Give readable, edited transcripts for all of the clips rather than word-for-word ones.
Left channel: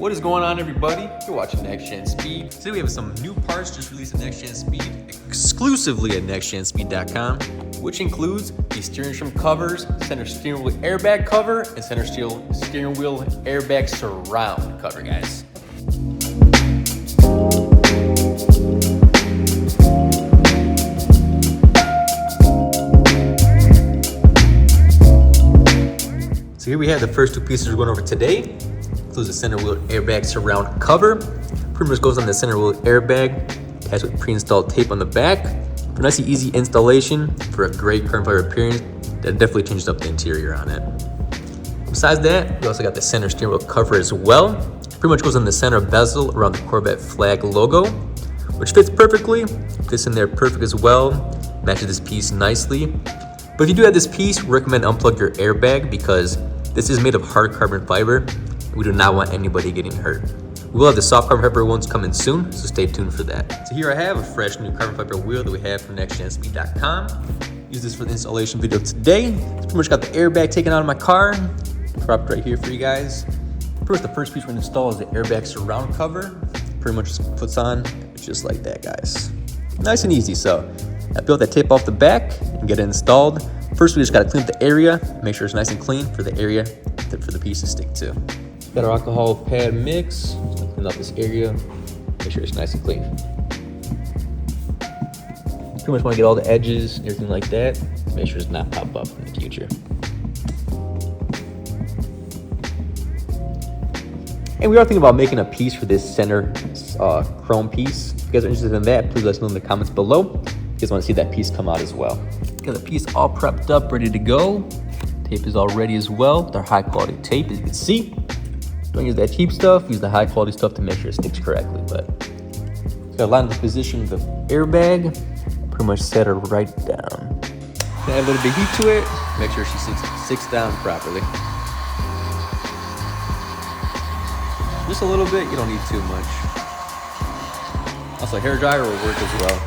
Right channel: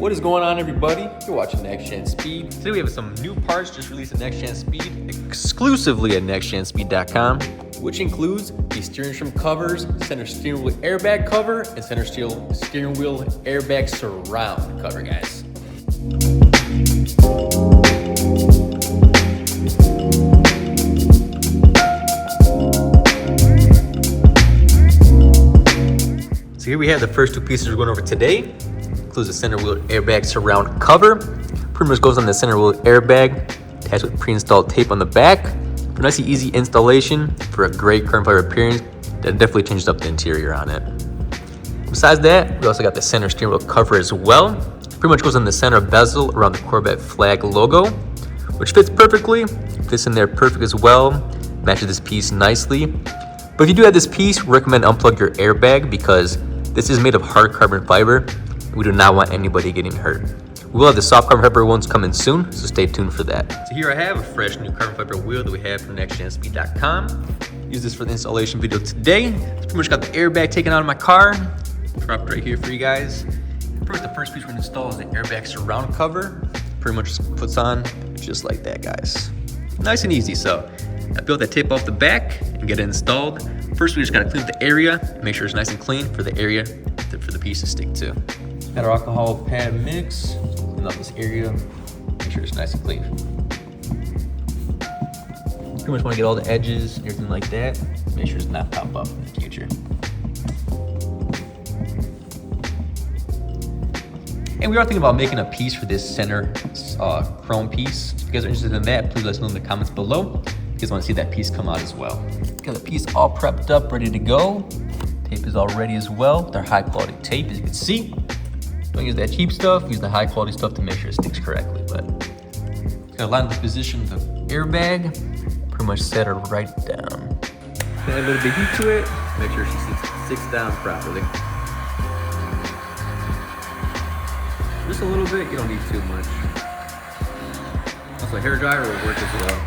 What is going on, everybody? You're watching Next Gen Speed. Today we have some new parts just released at Next Gen Speed, exclusively at nextgenspeed.com, which includes the steering trim covers, center steering wheel airbag cover, and center steering wheel airbag surround cover, guys. So here we have the first two pieces we're going over today. Includes the center wheel airbag surround cover. Pretty much goes on the center wheel airbag, attached with pre-installed tape on the back. For a nice easy installation for a great carbon fiber appearance that definitely changes up the interior on it. Besides that, we also got the center steering wheel cover as well. Pretty much goes on the center bezel around the Corvette flag logo, which fits perfectly. Fits in there perfect as well. Matches this piece nicely. But if you do have this piece, we recommend unplug your airbag because this is made of hard carbon fiber. We do not want anybody getting hurt. We will have the soft carbon fiber ones coming soon, so stay tuned for that. So here I have a fresh new carbon fiber wheel that we have from nextgenspeed.com. Use this for the installation video today. It's pretty much got the airbag taken out of my car. Dropped right here for you guys. Pretty much the first piece we're gonna install is the airbag surround cover. Pretty much just puts on just like that, guys. Nice and easy. So I peeled that tape off the back and get it installed. First, we just gotta clean up the area, make sure it's nice and clean for the area for the piece to stick to. Got our alcohol pad mix, clean up this area, make sure it's nice and clean. Pretty much want to get all the edges, everything like that. Make sure it's not pop up in the future. And we are thinking about making a piece for this center chrome piece. If you guys are interested in that, please let us know in the comments below. If you guys want to see that piece come out as well. Got the piece all prepped up, ready to go. Tape is all ready as well. They're high quality tape, as you can see. Don't use that cheap stuff, use the high quality stuff to make sure it sticks correctly. But gotta line the position of the airbag, pretty much set her right down. Add a little bit of heat to it, make sure she sits down properly. Just a little bit, you don't need too much. Also, hair dryer will work as well.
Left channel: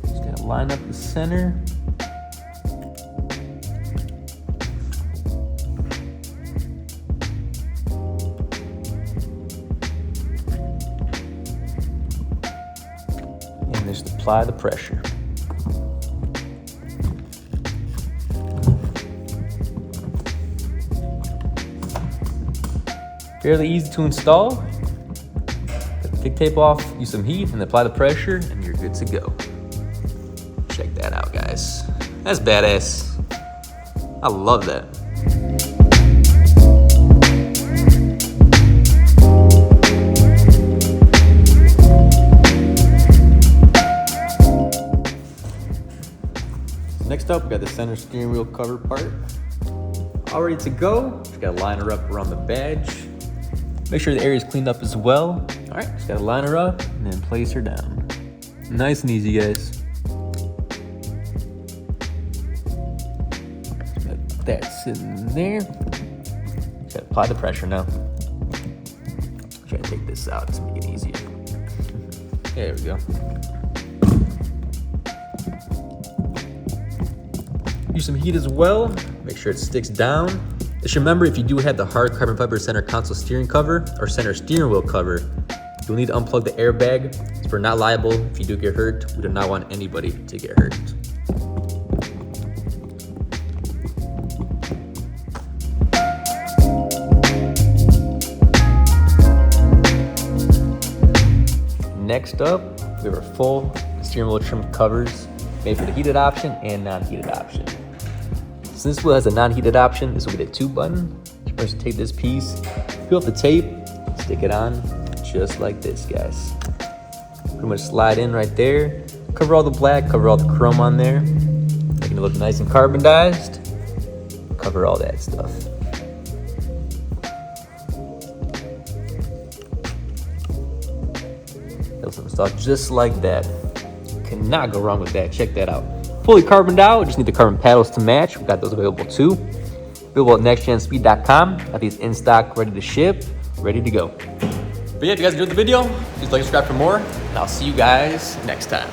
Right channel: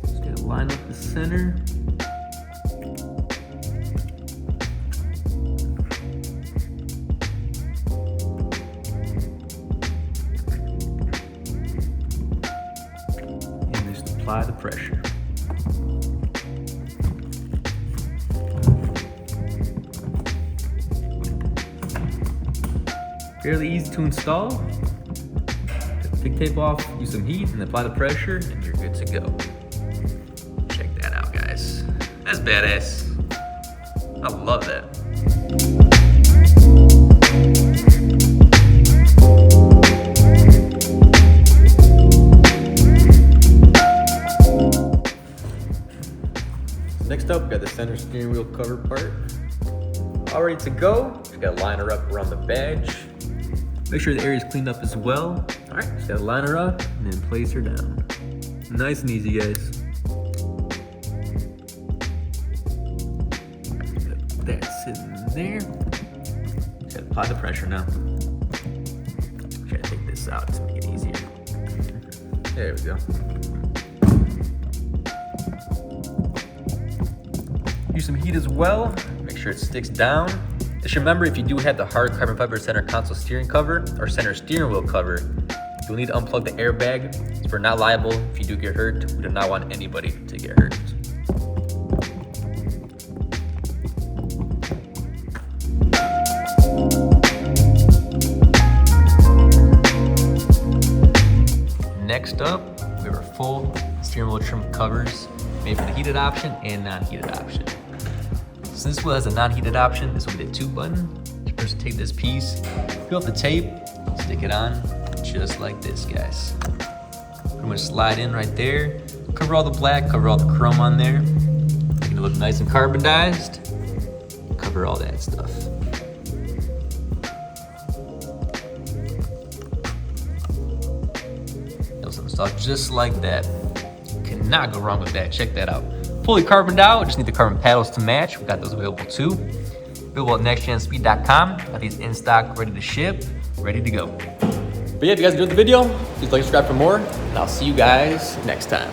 Just gotta line up the center. And just apply the pressure. Fairly easy to install. Take the thick tape off, use some heat, and apply the pressure, and you're good to go. Check that out, guys. That's badass. I love that. Next up, we got the center steering wheel cover part. All ready to go. Just gotta line her up around the badge. Make sure the area is cleaned up as well. All right, just gotta line her up and then place her down. Nice and easy, guys. That's sitting there. Just gotta apply the pressure now. Try to take this out to make it easier. There we go. Use some heat as well. Make sure it sticks down. Just remember, if you do have the hard carbon fiber center console steering cover or center steering wheel cover, you'll need to unplug the airbag. So we're not liable if you do get hurt. We do not want anybody to get hurt. Next up, we have our full steering wheel trim covers made for the heated option and non-heated option. Since this wheel has a non-heated option, this will be the 2 button. First, take this piece, peel off the tape, stick it on, just like this, guys. Pretty much slide in right there. Cover all the black, cover all the chrome on there. Making it look nice and carbonized. Cover all that stuff. Those stuff just like that. Cannot go wrong with that. Check that out. Fully carboned out, just need the carbon paddles to match. We got those available too. Available at nextgenspeed.com. Got these in stock, ready to ship, ready to go. But yeah, if you guys enjoyed the video, please like and subscribe for more, and I'll see you guys next time.